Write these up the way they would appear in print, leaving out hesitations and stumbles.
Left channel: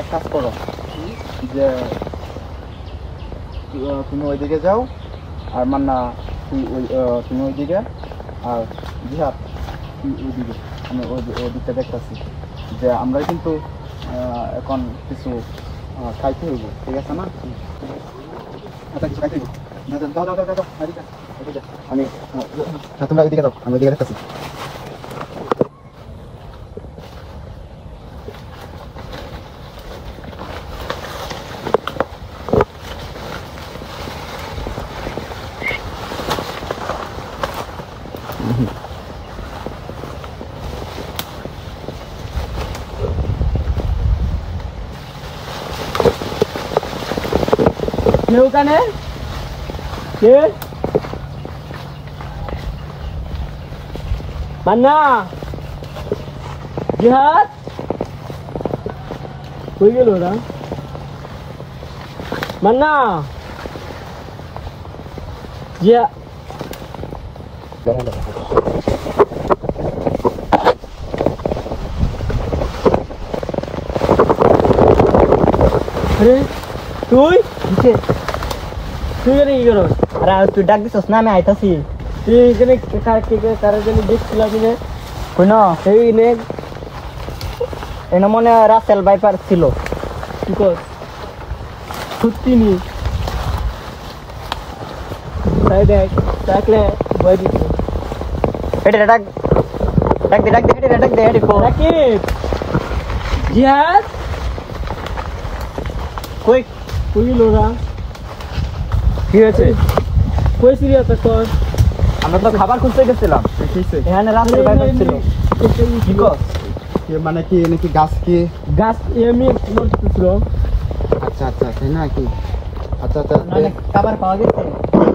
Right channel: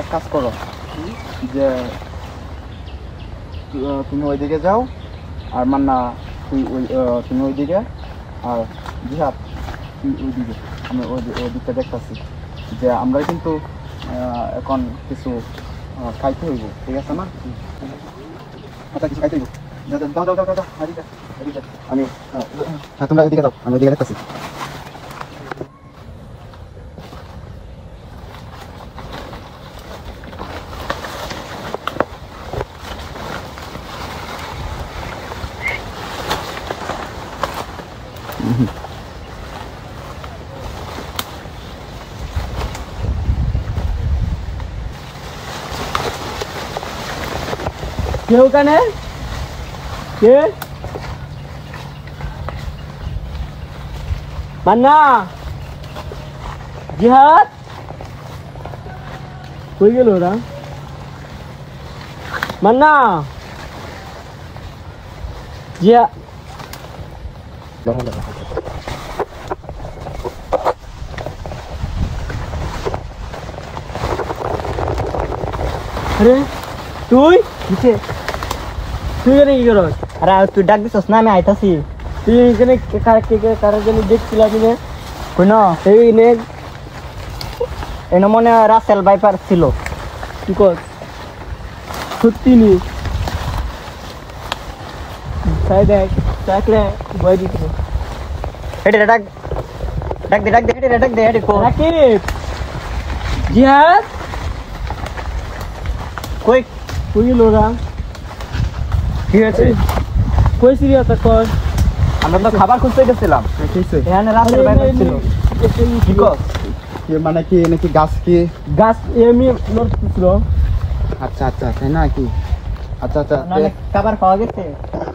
এক কাজ করো যে তুমি ওইদিকে যাও আর মান্না তুমি ওইদিকে আর জিহাদ তুই ওইদিকে আমি ওইদিকটা দেখতেছি যে আমরা কিন্তু এখন কিছু খাইতে হইব ঠিক আছে না আচ্ছা কিছু খাইতে হইব দাও আমি তোমরা ওইদিকে দাও আমি ওইদিকে দেখতেছি কে ওখানে কে মান্না জিহাদ কই গেল ওরা মান্না জিয়া আরে তুই তুই এখানে কি করো? আরে তুই ডাক দিছস না আমি আইতাছি। তুই এখানে কারোর জন্য দেখছিলাম সেই এনে মনে হয় রাসেল বাইপার ছিল। কি কর সত্যি নি তাই দেখ ডাকলে ভয় দিত হেঁটে ডাক ডাক দে ডাক দে হেঁটে ডাক দে হেঁটে রাকিব জিহাদ কই কই লোরা কি আছে কই সিরিয়াস কর আমরা তো খাবার খুঁজতে গেছিলাম এখানে রাসেল বাইপার ছিল কি কর মানে কি নাকি গাছ এমনি নড়ছিল আচ্ছা আচ্ছা তাই না কি আচ্ছা আচ্ছা খাবার পাওয়া গেছে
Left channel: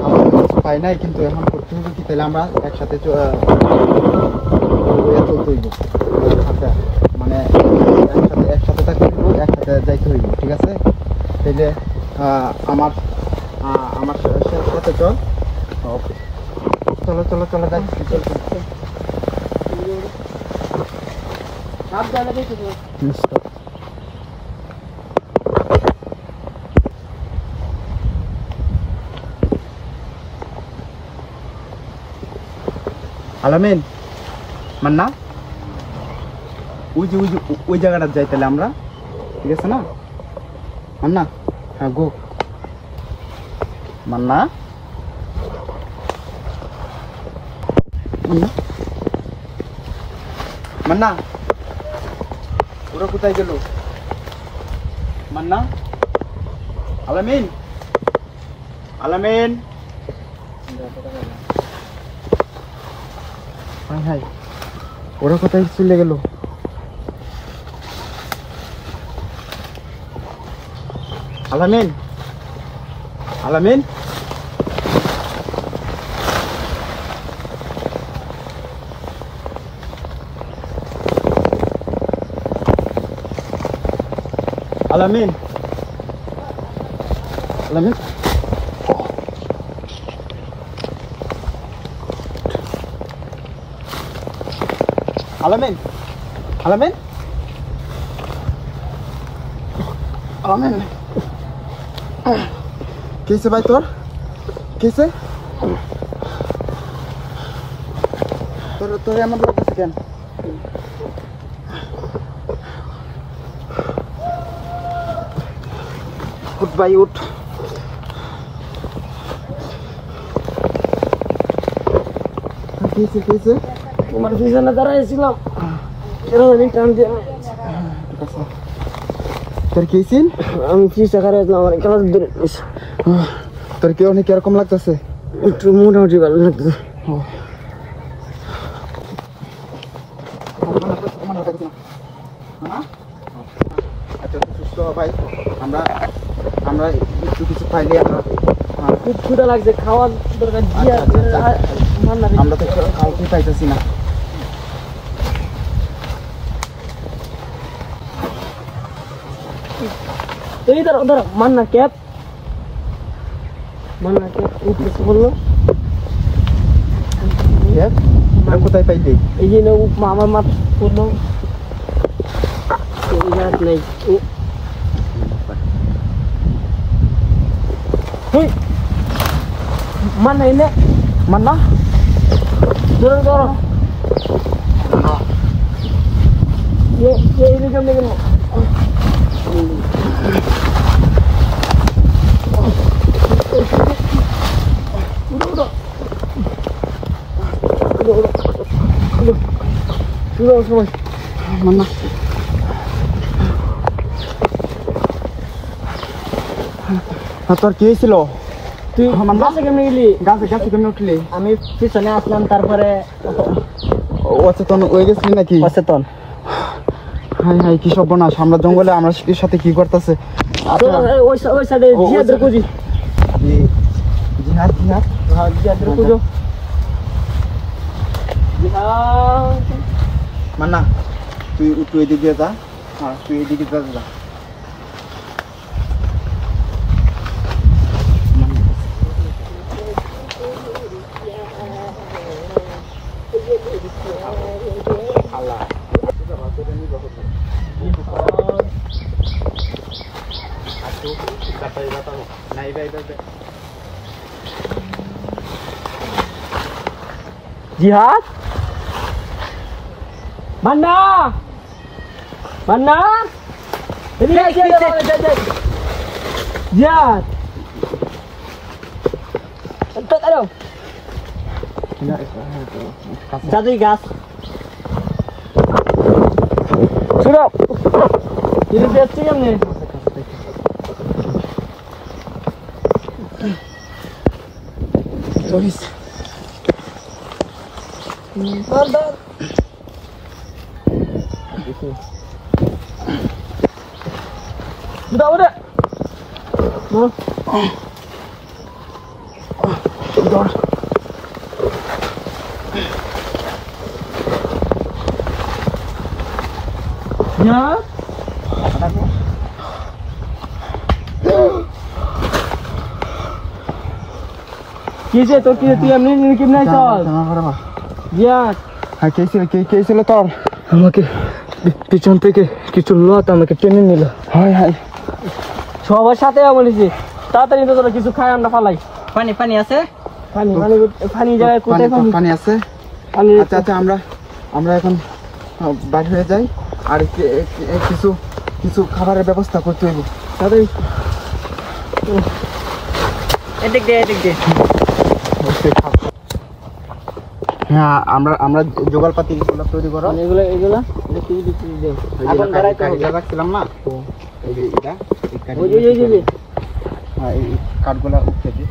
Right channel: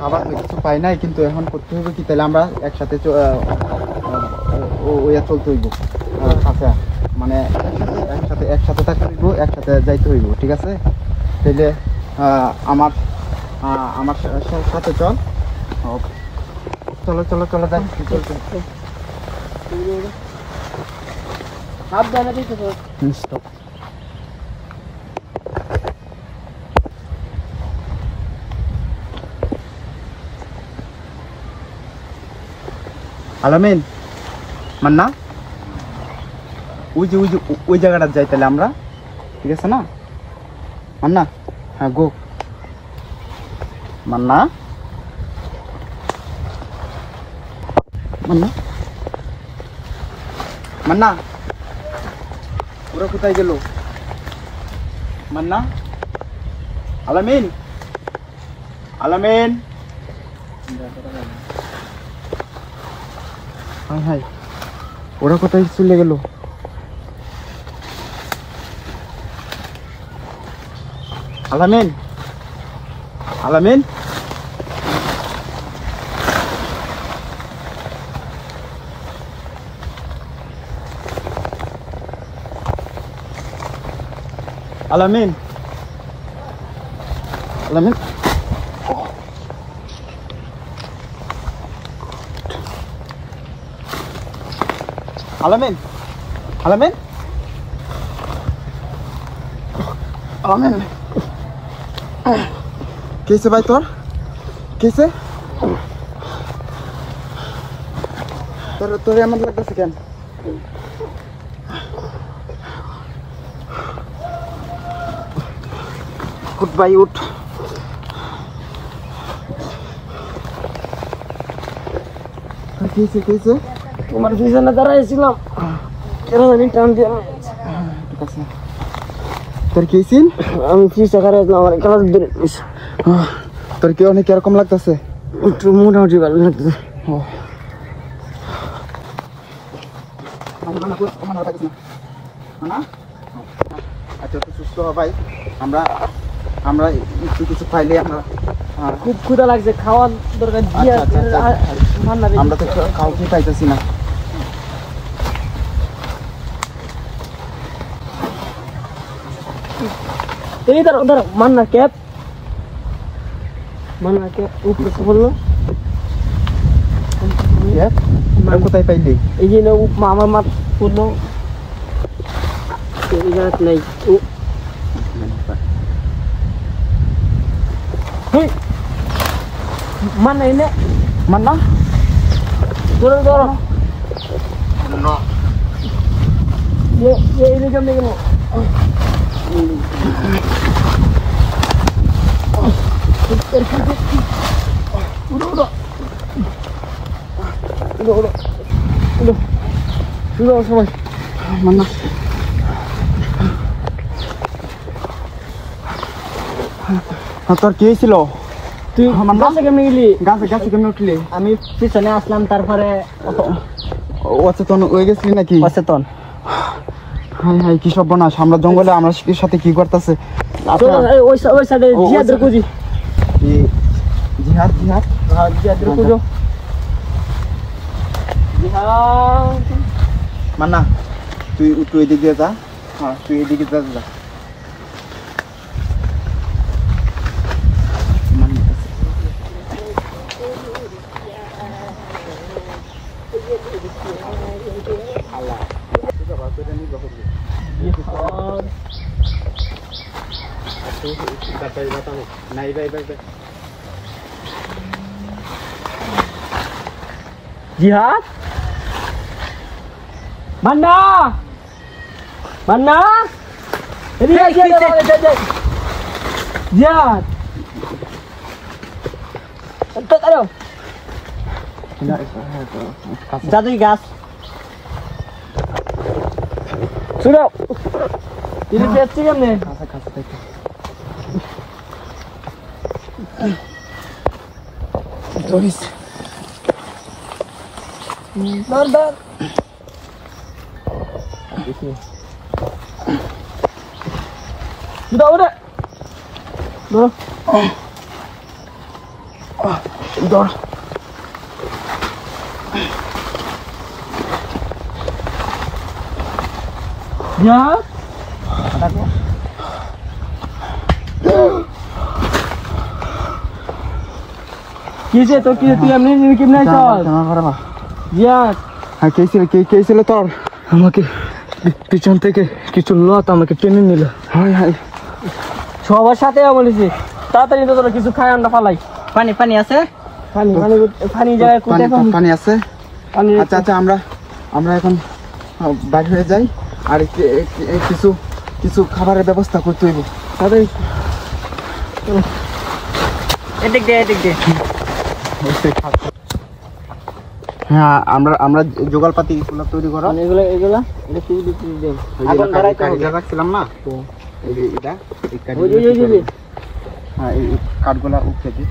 খাবার কিছু পাই নাই কিন্তু এখন করতে হবে কি তাহলে আমরা একসাথে চলতে হইব আচ্ছা মানে একসাথে থাকতে হইব একসাথে যাইতে হইব ঠিক আছে তাহলে আমার সাথে চল চলো চলো চলো যাই আলামিন মান্না ওই জায়গাটা যাই তাহলে আমরা ঠিক আছে না মান্না হ্যাঁ গো মান্না মান্না মান্না ওরা কোথায় গেল মান্না আলামিন আলামিন হাই হাই ওরা কোথায় চলে গেল আলামিন আলামিন আলামিন আলামিন আলামিন আলামিন আলামিন कैसे भाई तोर कैसे তোর এমন লাগতেছে কেন উঠ ভাই উঠ कैसे তোমার পিছনে দাঁড়াইছিলাম টান দিয়ে তোর কি হয়েছিল আমি চিকিৎসা করাইছিলাম আমার কাজ ধরে তোর কি অনেক এরকম লাগতেছে একটু মোটামুটি ভালো লাগতেছে আচ্ছা সুস্থ ভাই আমরা আমরা একটু কিছু পাইলে খুব ক্ষুধা লাগছে খাওয়ার দরকার আমরা তো কাউকে পাইতেছি না এই ধরো ধরো মান্না ক্যাপ উপরে বললো কোথায় পাইলি এই যে আমার মাথা পড়লো নেই Mana ini? Mana? Turun turun. Ya ini jam ni kena. Udah semua. Mana? তোর কি ছিল তুই গাছে কেমনে গেলি গাছে গাছে কেমন উঠলি আমি পিছনে আসলাম তারপরে অচেতন হয়ে গেছিলি নাকি অচেতন হাই হাই কি সব বনাস আমরা জঙ্গলে আমরা শিখের সাথে কি করতেছে ওই সাইডে জিয়াদের খুঁজি জিহাদ জিহাদ হ্যাঁ জিয়াদের খুঁজো জিহাদ মান্না তুই তুই এদিকে যা হ্যাঁ তুই এদিকে যা Jihad Mana Mana Ini Jihad Entah tak ada satu gas sudah ini Pepsi kan nih Tulis Bentar udah udah ya কিসে তো কি তুই এমনি কেমনে চল জিয়া হ্যাঁ কে ছিল তোর আমাকে পিছন থেকে কিছু লোক আমাকে টেনে নিল হাই হাই সবার সাথে বলেছি তাড়াতাড়ি তো তোরা কিছু খাই আমরা পালাই পানি পানি আছে পানি পানি পানি যায় কোথায় পানি আছে পানি আচ্ছা আচ্ছা আমরা এখন বাইরে হয়ে যাই আর কিছু কিছু খাবারের ব্যবস্থা করতে হইব তাড়াতাড়ি এদিক দে হ্যাঁ আমরা জোগাড়পাতি এগুলো তৈরি করো এগুলো এটা কি দিতে দেব এখন কাঠগুলো রাখছিলাম না তো এই যে এটা এই কাঠগুলো উঠে দে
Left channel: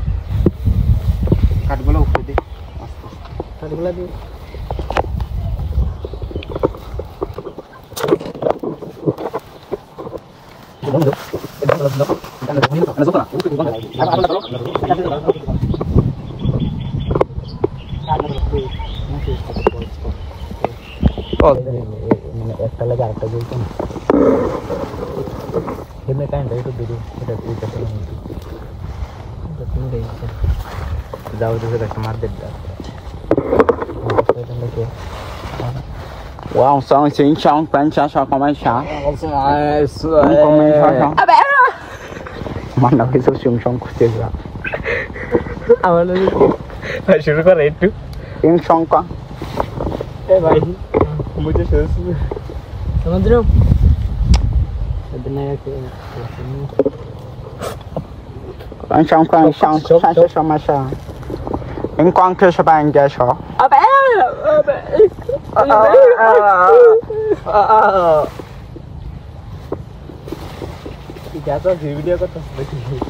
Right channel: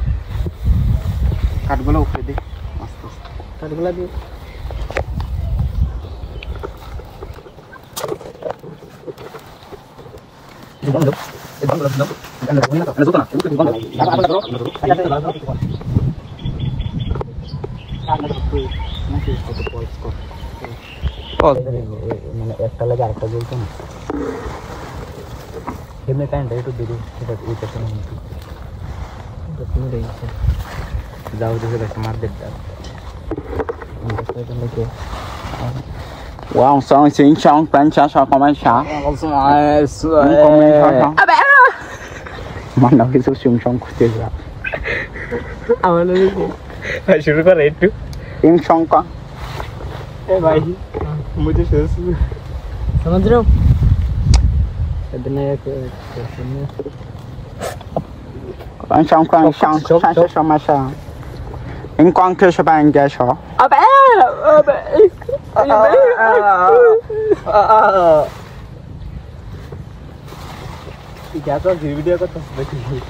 আস্তে আস্তে কাঠগুলো দি মানে একটা লাগে আরেকটা জ্বলছে না এমনি কারেন্টটা একটু দেরি সেটা ওইটা তো তুমি দেখি যাও দেখে একটা মার দেখ Wow, sao chính trong bán cha sao có bán sao? Có mấy sao sao? Mà nó cái số sung sung chưa ra. আমার ভাই শুরু করে একটু In trong con. এই ভাই मुझे समझ रहे हो इतना Bán trong con sang sang sao mà sao? In con kia sao bán cái sao? अबे क्या तो वीडियो को तो देखिए